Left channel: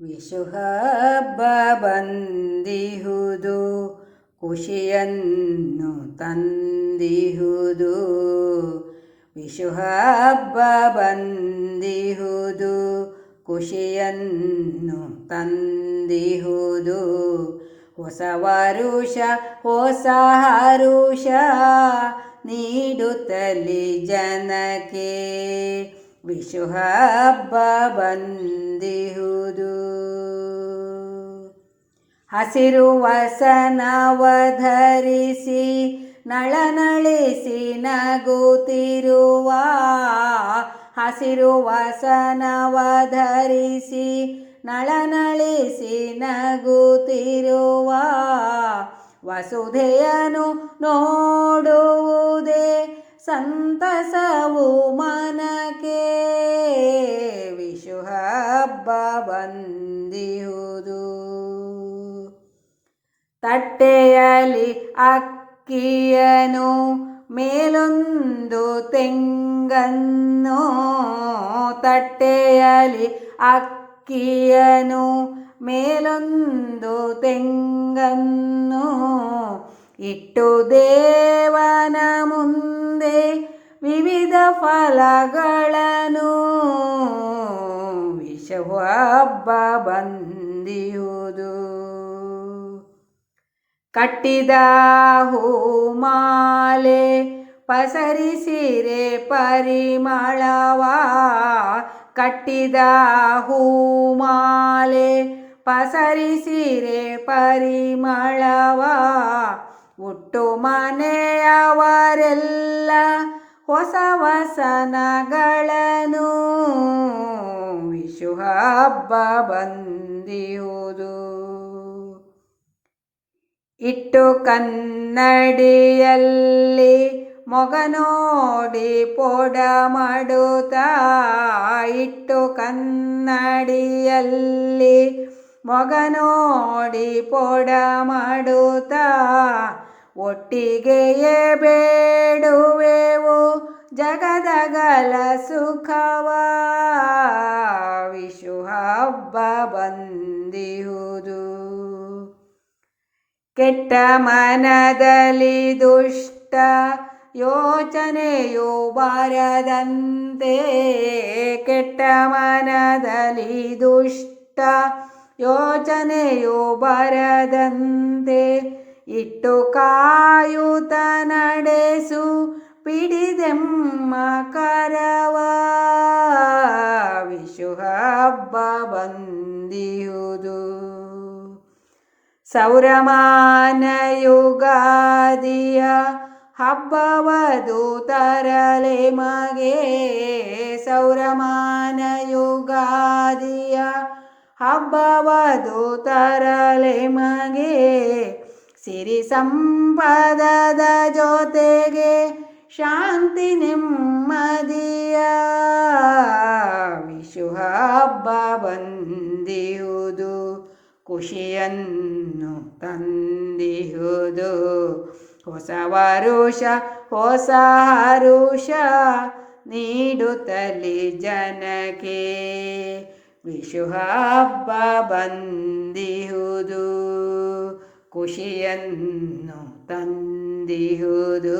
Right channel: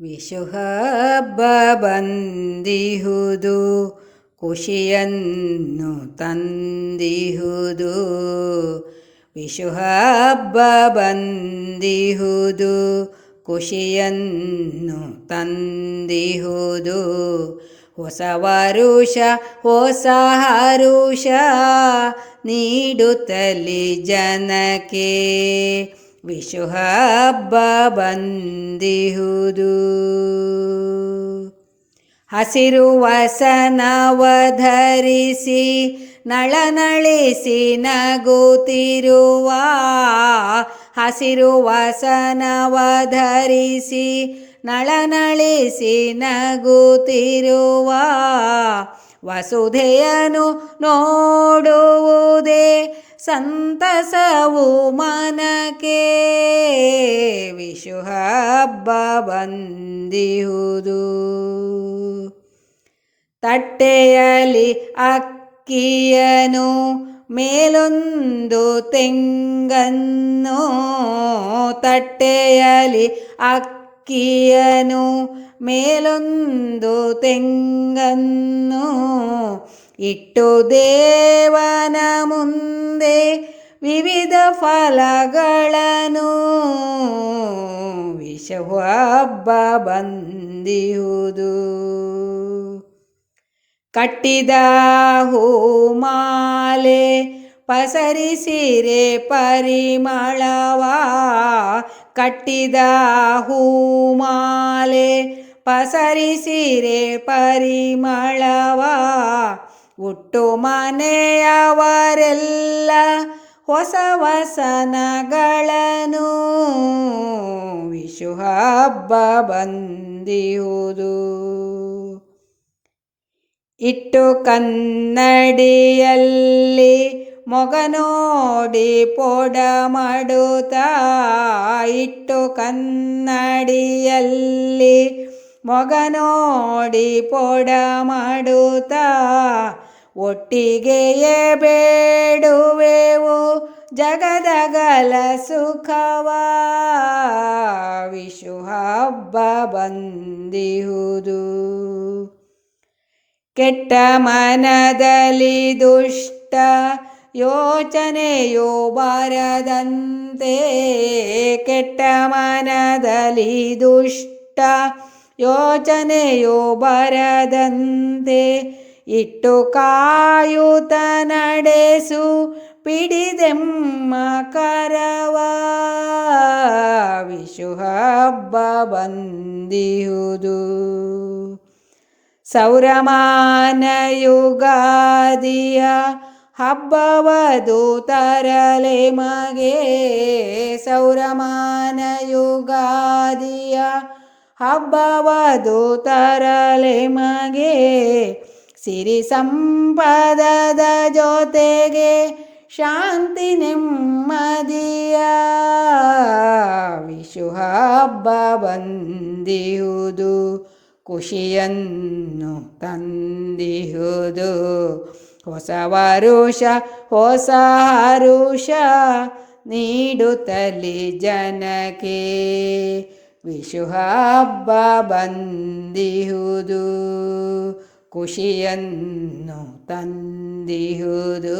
ವಿಷು ಹಬ್ಬ ಬಂದಿಹುದು ಖುಷಿಯನ್ನು ತಂದಿಹುದು. ವಿಶುಹಬ್ಬ ಬಂದಿಹುದು ಖುಷಿಯನ್ನು ತಂದಿಹುದು. ಹೊಸ ವರುಷ, ಹೊಸ ಹರುಷ ನೀಡುತ್ತಲಿ ಜನಕ್ಕೆ. ವಿಷು ಹಬ್ಬ ಬಂದಿಹುದು ಹಸಿರು ವಸನವ ಧರಿಸಿ ನಳನಳಿಸಿ ನಗುತ್ತಿರುವ ಹಸಿರು ವಸನವ ಧರಿಸಿ ನಳನಳಿಸಿ ನಗುತ್ತಿರುವ ವಸುಧೆಯನು ನೋಡುವುದೇ ಸಂತಸವು ಮನಕ್ಕೆ ವಿಶು ಹಬ್ಬ ಬಂದಿಹುದು. ತಟ್ಟೆಯಲ್ಲಿ ಅಕ್ಕಿಯನು ಮೇಲೊಂದು ತೆಂಗನ್ನು ತಟ್ಟೆಯಲ್ಲಿ ಅಕ್ಕಿಯನು ಮೇಲೊಂದು ತೆಂಗನ್ನು ಇಟ್ಟು ದೇವನ ಮುಂದೆ ವಿವಿಧ ಫಲಗಳನ್ನು ವಿಷವು ಹಬ್ಬ ಬಂದಿಯುವುದು ಕಟ್ಟಿದ ಹೂಮಾಲೆ ಪಸರಿಸಿರೆ ಪರಿಮಳವ. ಕಟ್ಟಿದ ಹೂಮಾಲೆ ಪಸರಿಸಿರೆ ಪರಿಮಳವ. ಹುಟ್ಟು ಮನೆಯವರೆಲ್ಲ ಹೊಸ ವಸನಗಳನ್ನು ವಿಶು ಹಬ್ಬ ಬಂದಿಹುದು. ಇಟ್ಟು ಕನ್ನಡಿಯಲ್ಲಿ ಮೊಗ ನೋಡಿ ಪೋಡ ಮಾಡುತ್ತ, ಇಟ್ಟು ಕನ್ನಡಿಯಲ್ಲಿ ಮೊಗ ನೋಡಿ ಪೋಡ ಮಾಡುತ್ತಾ ಒಟ್ಟಿಗೆಯೇ ಬೇಡುವೆವು ಜಗದಗಲ ಸುಖವ. ವಿಶು ಹಬ್ಬ ಬಂದಿಹುದು. ಕೆಟ್ಟ ಮನದಲ್ಲಿ ದುಷ್ಟ ಯೋಚನೆಯೋ ಬಾರದಂತೆ. ಕೆಟ್ಟ ಮನದಲ್ಲಿ ದುಷ್ಟ ಯೋಚನೆಯೋ ಬರದಂತೆ. ಇಟ್ಟು ಕಾಯುತ ನಡೆಸು, ಪಿಡಿದೆಮ್ಮ ಕರವ ವಿಶು ಹಬ್ಬ ಸೌರಮಾನ ಯುಗಾದಿಯ ಹಬ್ಬವದು ತರಲೆ ಮಗೆ ಸೌರಮಾನ ಯುಗಾದಿಯ ಹಬ್ಬವದು ತರಲೆ ಮಗೆ ಸಿರಿ ಸಂಪದದ ಜೊತೆಗೆ ಶಾಂತಿ ನೆಮ್ಮದಿಯ ವಿಶು ಹಬ್ಬ ಬಂದಿಯುವುದು ಖುಷಿಯನ್ನು ತಂದಿಹುದು ಹೊಸ ವರುಷ, ಹೊಸ ಹರುಷ ನೀಡುತ್ತಲಿ ಜನಕ್ಕೆ. ವಿಶು ಹಬ್ಬ ಬಂದಿಹುದು ಖುಷಿಯನ್ನು ತಂದಿಹುದು